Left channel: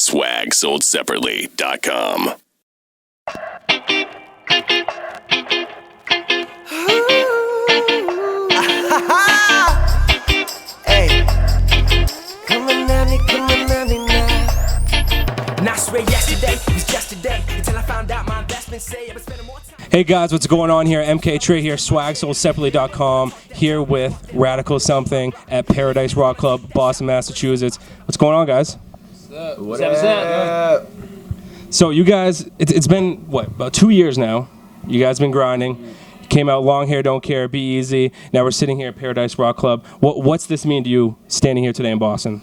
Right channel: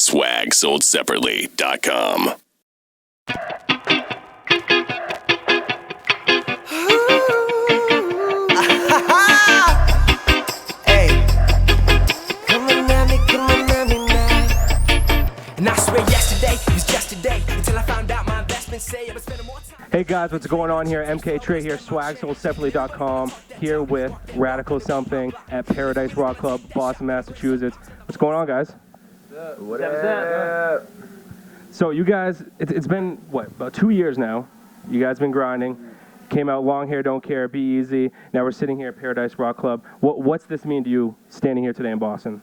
SwagSoldSeparately.com. Hey, come on at me now. And I swear yesterday was yesterday until I found out my investments say I was spending more time. Hey guys, what's going on here? MK Trey here, SwagSoldSeparately.com, here with Radical Something at Paradise Rock Club, Boston, Massachusetts. What's going on, guys? What's up? So you guys, it's been, what, about 2 years now. You guys been grinding. Came out Long Hair, Don't Care, Be Easy. Now we're sitting here at Paradise Rock Club. What's this mean to you standing here today in Boston?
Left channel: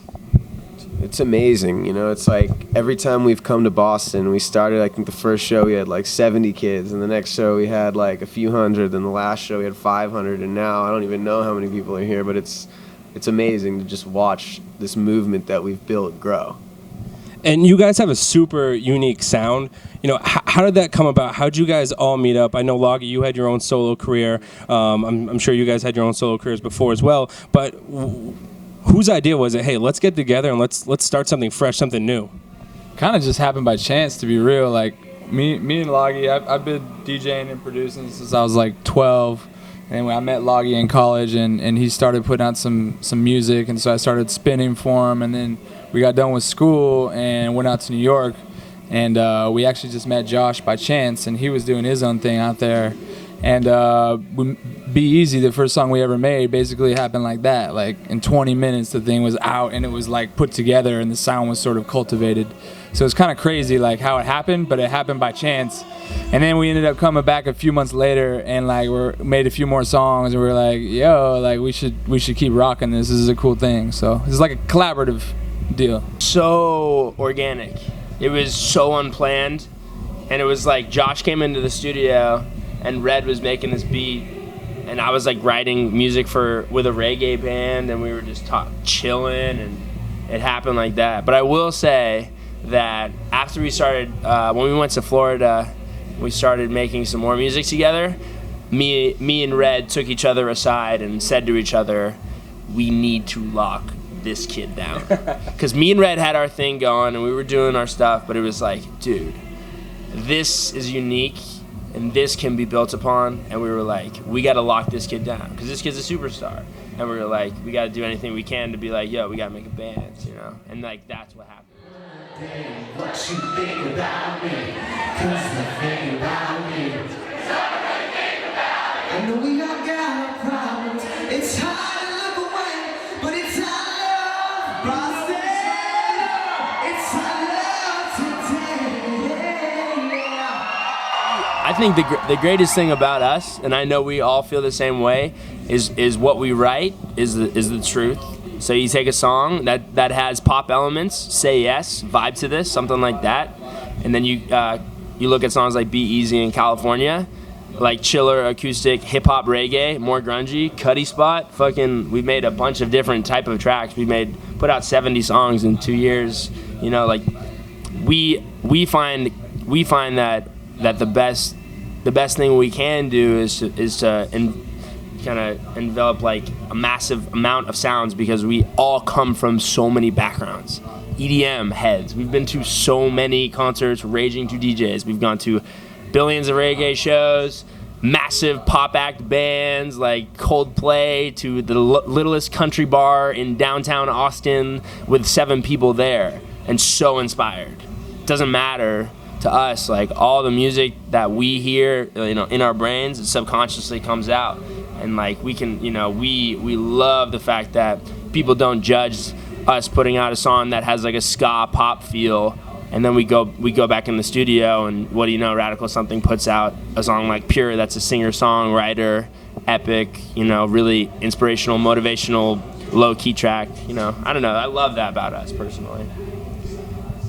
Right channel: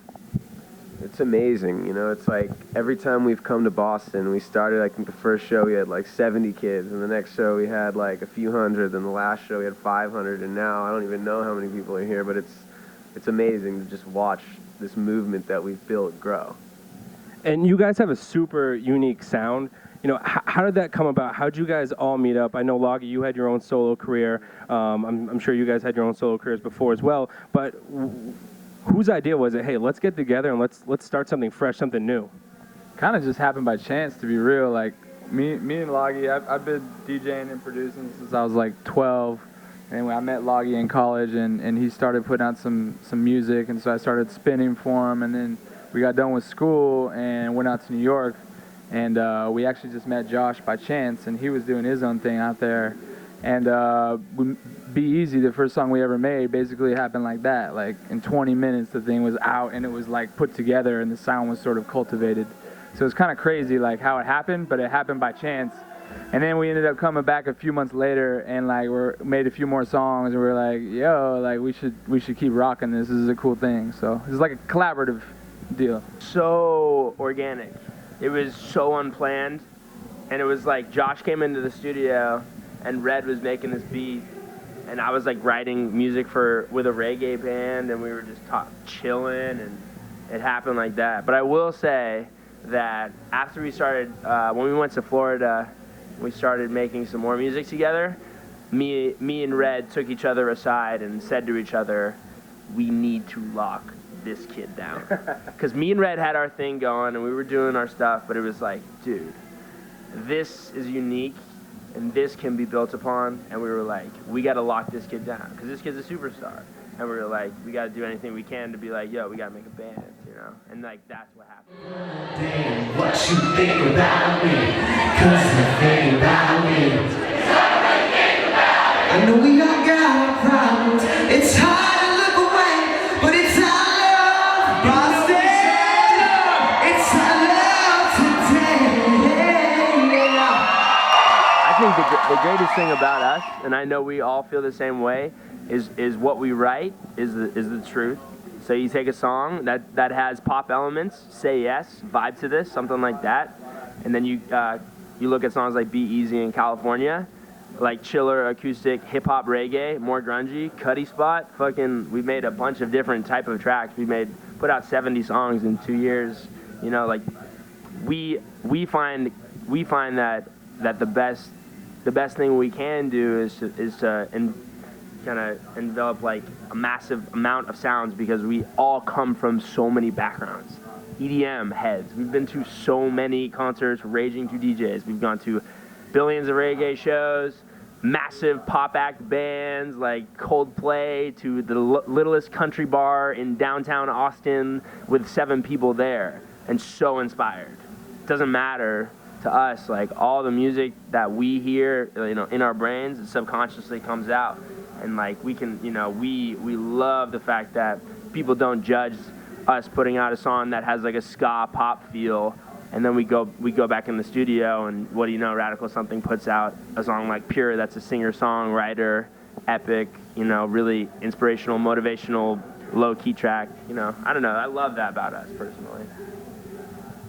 It's amazing, you know, it's like every time we've come to Boston, we started, I think the first show we had like 70 kids, and the next show we had like a few hundred, and the last show we had 500, and now I don't even know how many people are here, but it's amazing to just watch this movement that we've built grow. And you guys have a super unique sound. You know, how did that come about? How did you guys all meet up? I know, Loggy, you had your own solo career. I'm sure you guys had your own solo careers before as well, but whose idea was it, hey, let's get together and let's start something fresh, something new? Kind of just happened by chance, to be real. Like, me and Loggy, I've been DJing and producing since I was like 12. And I met Loggy in college, and he started putting out some music, and so I started spinning for him. And then we got done with school and went out to New York, and we actually just met Josh by chance, and he was doing his own thing out there. And Be Easy, the first song we ever made, basically happened like that. Like in 20 minutes, the thing was out, and it was like put together, and the sound was sort of cultivated. So it's kind of crazy, like how it happened, but it happened by chance. And then we ended up coming back a few months later, and like made a few more songs, and we were like, yo, like we should keep rocking this. This is a cool thing. So it's like a collaborative deal. So organic. It was so unplanned, and it was like Josh came into the studio and Red was making this beat, and I was like writing music with a reggae band, and we were just chilling, and it happened like that. But I will say that after we started, when we went to Florida, we started making some more music together. Me and Red took each other aside and said to each other, we need to lock this kid down. Because me and Red had our thing going, and we were doing our stuff, but it was like, dude, this is unique, and this can be built upon. And we were like, we got to lock this kid down, because this kid's a superstar. And we were like, we got to do anything we can to be like, yo, we got to make a band, you know? And like, that's what happened. Damn, what you think about me? Cause you think about me. I know we all got our problems. It's hard to look away, but it's our love, Boston. It's our love today. I think the greatest thing about us, and I know we all feel the same way, is what we write is the truth. So you take a song that has pop elements, Say Yes, Vibe to This, something like that, and then you look at songs like Be Easy in California, like chiller, acoustic, hip hop, reggae, more grungy, Cuddy Spot, we've made a bunch of different type of tracks. We put out 70 songs in 2 years. You know, like we find that the best thing we can do is to kind of envelop like a massive amount of sounds, because we all come from so many backgrounds. EDM heads. We've been to so many concerts, raging to DJs. We've gone to billions of reggae shows, massive pop act bands like Coldplay, to the littlest country bar in downtown Austin with 7 people there, and so inspired. It doesn't matter to us, like all the music that we hear, you know, in our brains, it subconsciously comes out. And like we can, you know, we love the fact that people don't judge us putting out a song that has like a ska pop feel, and then we go back in the studio, and what do you know, Radical Something puts out a song like Pure that's a singer-songwriter, epic, you know, really inspirational, motivational, low-key track. You know, I don't know, I love that about us personally.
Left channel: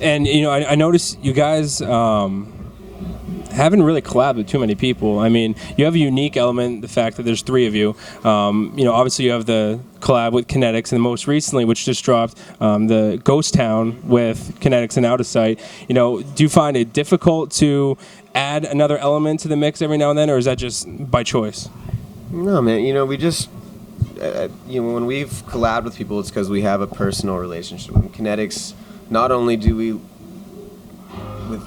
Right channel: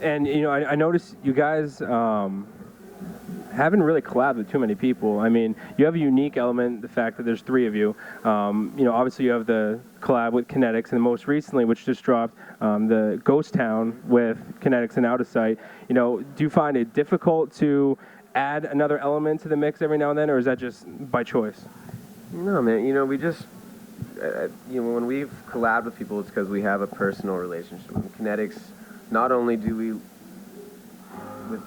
And, you know, I noticed you guys haven't really collabed with too many people. I mean, you have a unique element, the fact that there's 3 of you. You know, obviously you have the collab with Kinetics, and most recently, which just dropped, the Ghost Town with Kinetics and Out of Sight. You know, do you find it difficult to add another element to the mix every now and then, or is that just by choice? No, man, you know, we just, you know, when we've collabed with people, it's because we have a personal relationship. With Kinetics, not only do we with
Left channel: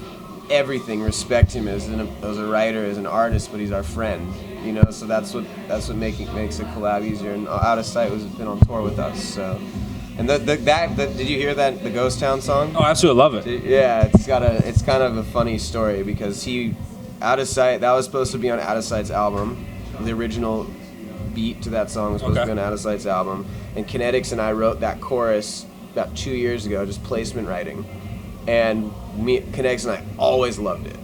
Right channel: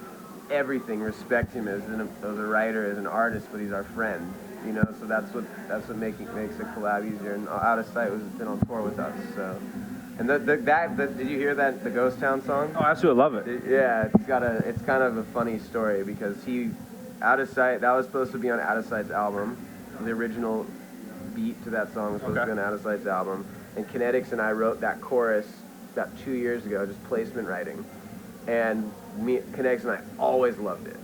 everything, respect him as a writer, as an artist, but he's our friend, you know. So that's what makes a collab easier. And Out of Sight has been on tour with us. So, and did you hear that, the Ghost Town song? Oh, I absolutely love it. Yeah, it's kind of a funny story because Out of Sight, that was supposed to be on Out of Sight's album. The original beat to that song was supposed to be on Out of Sight's album. And Kinetics and I wrote that chorus about 2 years ago, just placement writing. And Kinetics and I always loved it.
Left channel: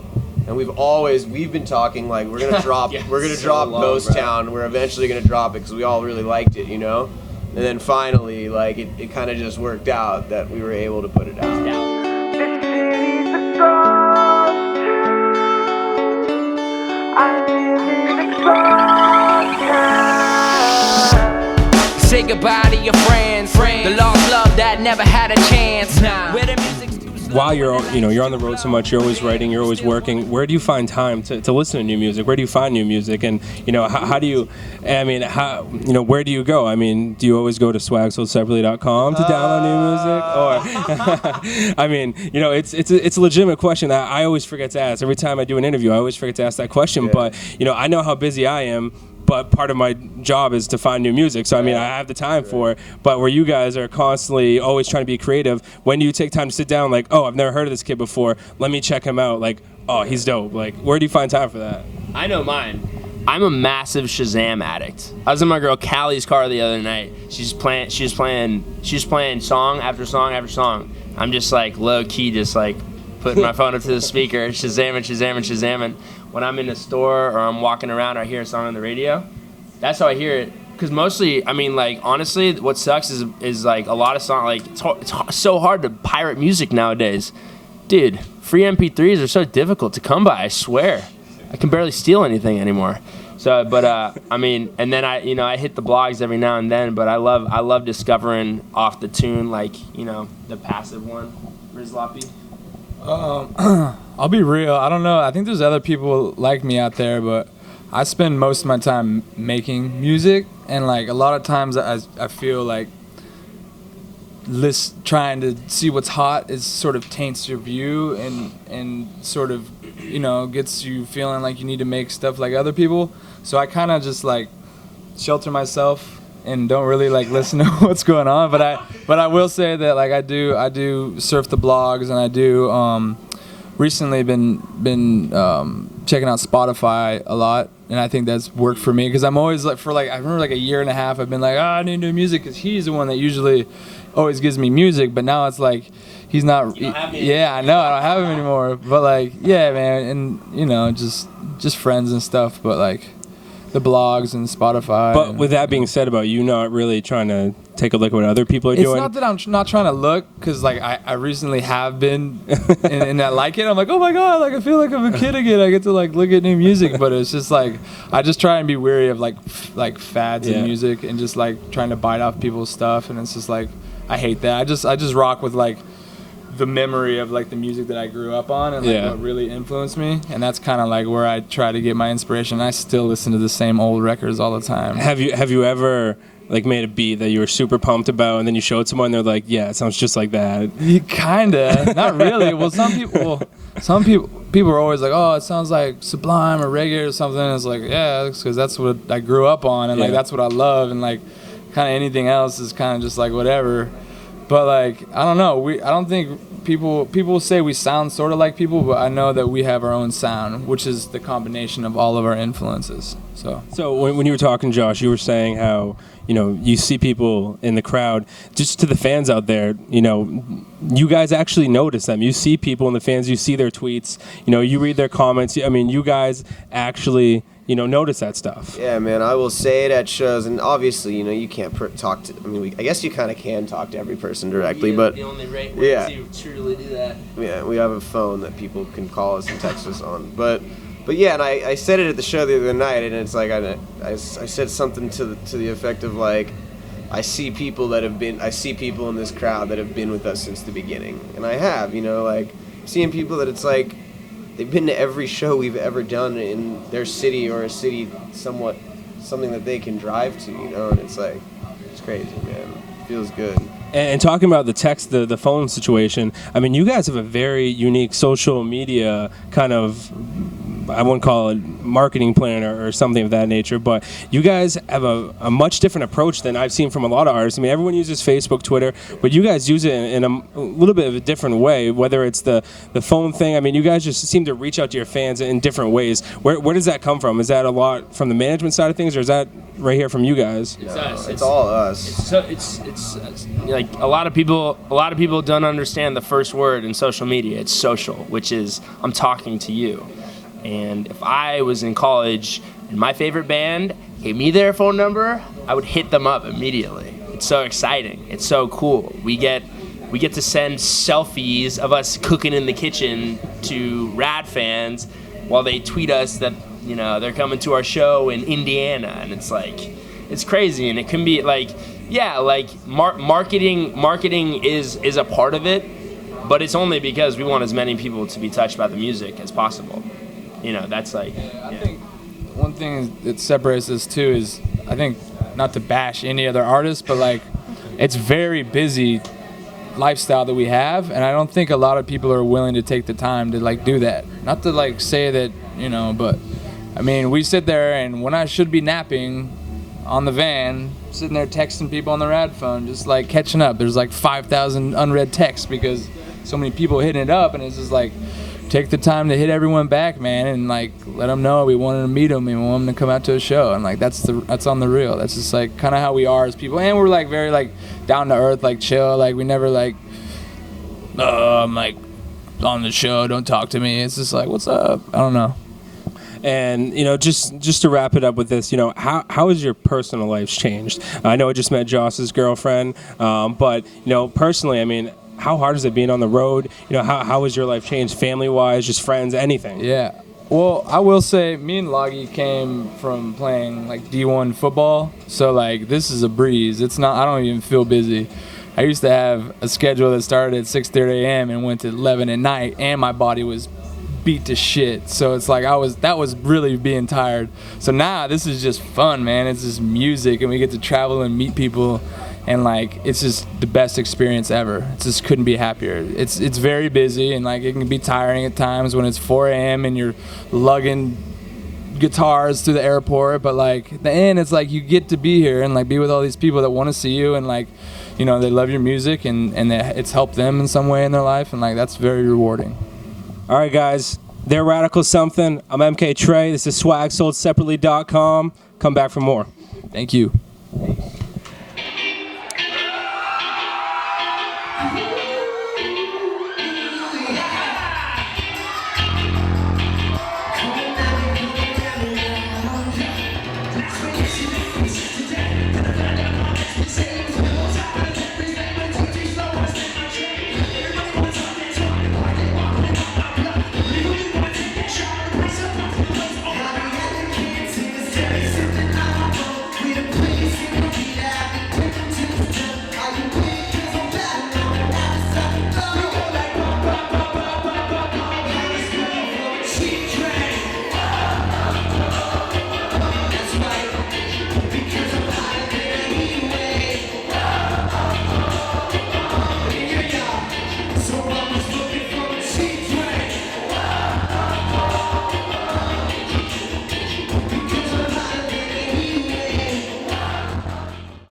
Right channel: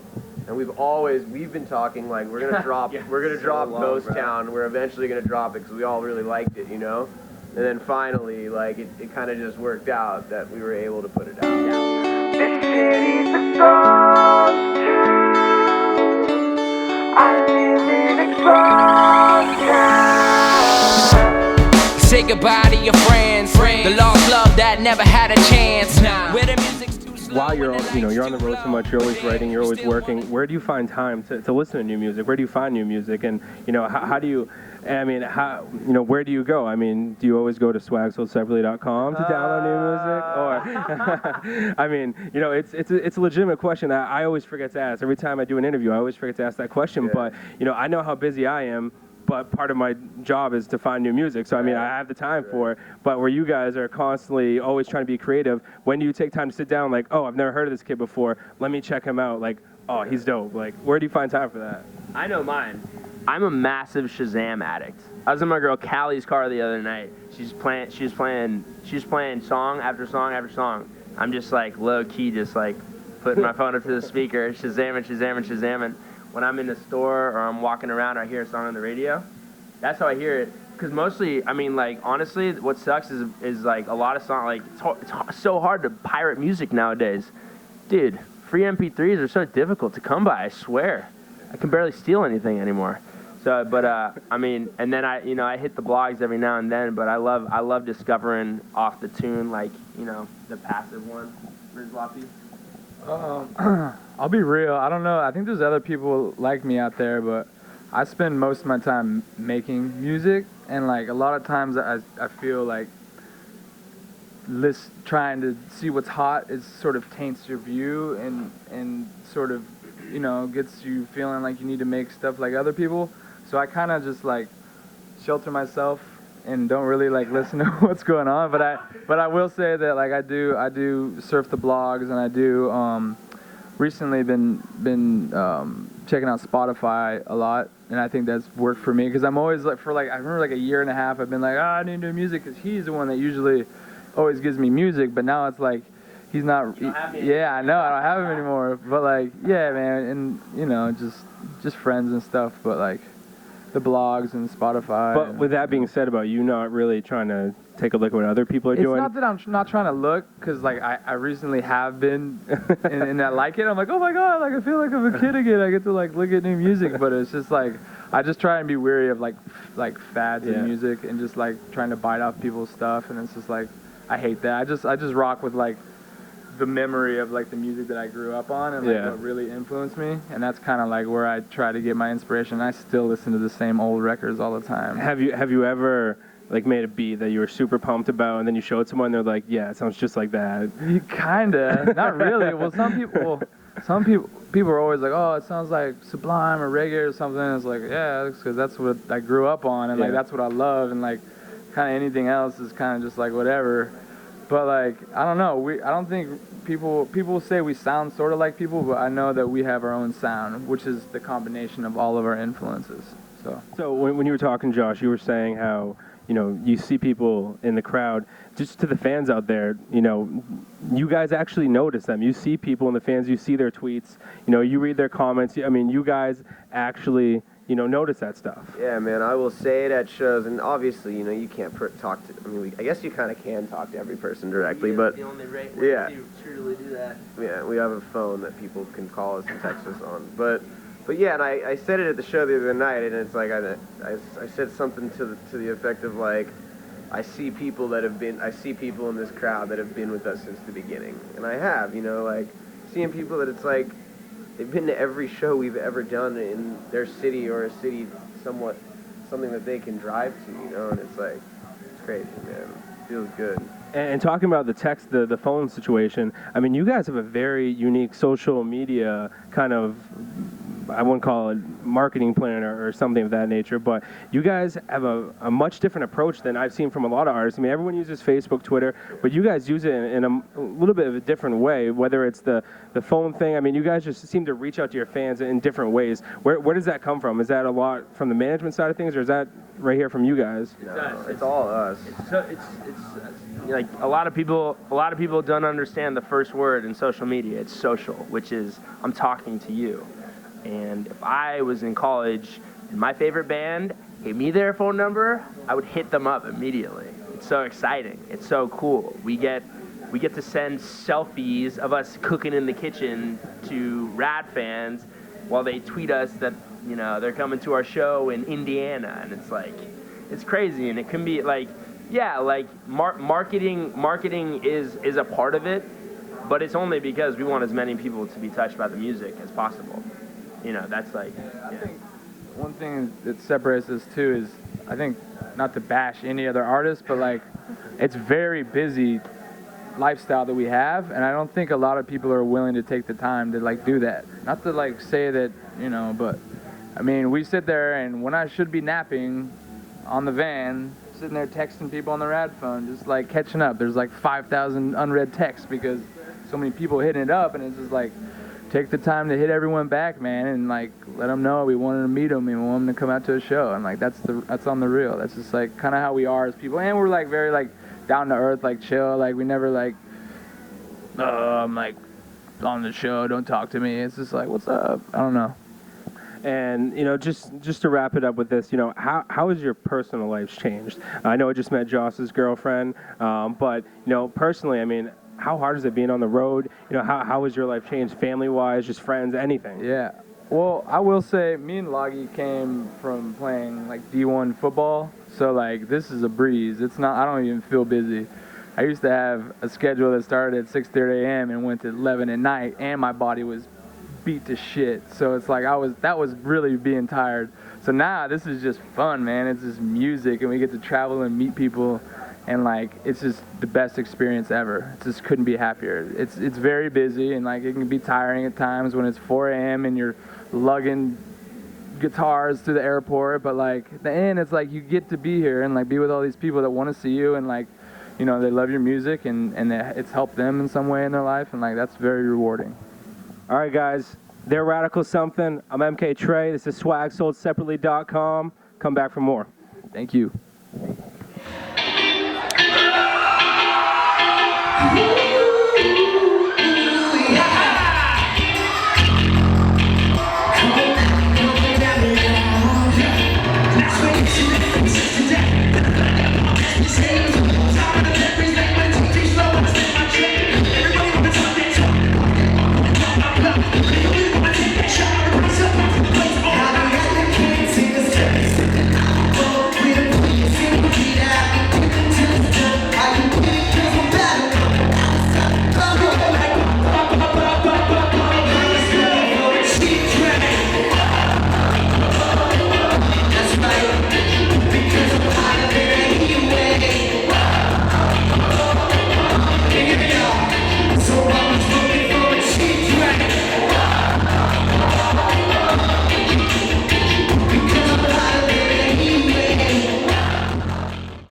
And we've been talking like we're gonna drop Ghost Town. We're eventually gonna drop it because we all really liked it, you know. And then finally, like it kind of just worked out that we were able to put it out. This city's a ghost town. I live in a ghost town. Say goodbye to your friends. The lost love that never had a chance. Where the music's too slow. While you're on the road so much, you're always writing, you're always working. Where do you find time to listen to new music? Where do you find new music? And how do you? I mean, where do you go? I mean, do you always go to swagsoldseparately.com to download new music? Or, I mean, it's a legitimate question that I always forget to ask. Every time I do an interview, I always forget to ask that question. Yeah. But I know how busy I am. But part of my job is to find new music. So, I mean, I have the time for it. But where you guys are constantly always trying to be creative, when do you take time to sit down like, oh, I've never heard of this kid before. Let me check him out. Like, oh, he's dope. Like, where do you find time for that? I know mine. I'm a massive Shazam addict. I was in my girl Callie's car the other night. She's playing song after song after song. I'm just like low key, just like putting my phone up to the speaker, Shazamming. When I'm in the store or I'm walking around, I hear a song on the radio. That's how I hear it. Because mostly, I mean, like, honestly, what sucks is like a lot of songs, like, it's so hard to pirate music nowadays. Dude, free MP3s are so difficult to come by, I swear. I can barely steal anything anymore. So, but, I mean, and then I hit the blogs every now and then, but I love discovering off the tune, like, the passive one, Rizloppy. I'll be real. I don't know. I think there's other people like me out there, but I spend most of my time making music, and like a lot of times I feel like trying to see what's hot is sort of taints your view and sort of gets you feeling like you need to make stuff like other people. So I kind of just like shelter myself and don't really like listen to what's going on. But I will say that like I do surf the blogs, and I do recently been checking out Spotify a lot, and I think that's worked for me because I'm always like I remember like a year and a half I've been like I need new music because he's the one that usually always gives me music, but now it's like he's not. Yeah, I know I don't have him anymore, but like yeah, man, and just friends and stuff, but like the blogs and Spotify. But with that being said, about you not really trying to take a look at what other people are doing. It's not that I'm not trying to look, because like I recently have been, and I like it. I'm like, oh my god, like I feel like I'm a kid again. I get to like look at new music, but it's just like I just try and be wary of like fads in music and just like trying to bite off people's stuff, and it's just like I hate that. I just rock with like the memory of like the music that I grew up on and like what really influenced me, and that's kind of like where I try to get my inspiration. I still listen to the same old records all the time. Have you ever like made a beat that you were super pumped about, and then you showed someone, they're like, yeah, it sounds just like that? Kinda, not really. Well, some people are always like, oh, it sounds like Sublime or reggae or something. And it's like, yeah, because that's what I grew up on, and like that's what I love, and like kind of anything else is kind of just like whatever. But like I don't know, I don't think people say we sound sort of like people, but I know that we have our own sound, which is the combination of all of our influences. So when you were talking, Josh, you were saying how you see people in the crowd. Just to the fans out there, you guys actually notice them. You see people in the fans. You see their tweets. You read their comments. I mean, you guys actually notice that stuff. Yeah, man, I will say it at shows, and obviously, you can't talk to. I mean, I guess you kind of can talk to every person directly, but the only way to truly do that. Yeah, we have a phone that people can call us and text us on, but yeah, and I said it at the show the other night, and it's like I said something to the effect of like, I see people in this crowd that have been with us since the beginning, and I have, like seeing people that it's like they've been to every show we've ever done in their city or a city something that they can drive to, and it's like it's crazy, man. feels good. And talking about the text, the phone situation, I mean, you guys have a very unique social media kind of, I wouldn't call it marketing plan or something of that nature, but you guys have a much different approach than I've seen from a lot of artists. I mean, everyone uses Facebook, Twitter, but you guys use it in a little bit of a different way, whether it's the phone thing. I mean, you guys just seem to reach out to your fans in different ways. Where does that come from? Is that a lot from the management side of things, or is that right here from you guys? It's us. It's all us. So it's like a lot of people don't understand the first word in social media. It's social, which is I'm talking to you. And if I was in college and my favorite band gave me their phone number, I would hit them up immediately. It's so exciting. It's so cool. We get to send selfies of us cooking in the kitchen to Rad fans while they tweet us that, you know, they're coming to our show in Indiana, and it's like, it's crazy. And it can be like, yeah, like marketing is a part of it, but it's only because we want as many people to be touched by the music as possible. You know, that's like, I think one thing that separates us too is, I think, not to bash any other artist, but like, it's very busy lifestyle that we have, and I don't think a lot of people are willing to take the time to like do that. Not to like say that, you know, but I mean, we sit there, and when I should be napping on the van, sitting there texting people on the Rad phone, just like catching up. There's like 5,000 unread texts because so many people hitting it up, and it's just like, take the time to hit everyone back, man, and like let them know we wanted to meet them and we want them to come out to a show, and like that's on the real. That's just like kind of how we are as people, and we're like very like down to earth, like chill. Like we never like, I'm like on the show, don't talk to me. It's just like, what's up? I don't know. And you know, just to wrap it up with this, you know, how has your personal life changed? I know I just met Joss's girlfriend, but you know, personally, I mean, how hard is it being on the road? You know, how has your life changed, family-wise, just friends, anything? Yeah. Well, I will say, me and Loggy came from playing like D1 football, so like this is a breeze. It's not. I don't even feel busy. I used to have a schedule that started at 6:30 a.m. and went to 11 at night, and my body was beat to shit. So it's like that was really being tired. So now this is just fun, man. It's just music, and we get to travel and meet people. And like, it's just the best experience ever. It just couldn't be happier. It's very busy, and like it can be tiring at times when it's 4 a.m. and you're lugging guitars through the airport. But like at the end, it's like you get to be here and like be with all these people that want to see you, and like, you know, they love your music, and it's helped them in some way in their life, and like that's very rewarding. All right, guys, they're Radical Something. I'm MK Trey. This is swagsoldseparately.com. Come back for more. Thank you. Yeah.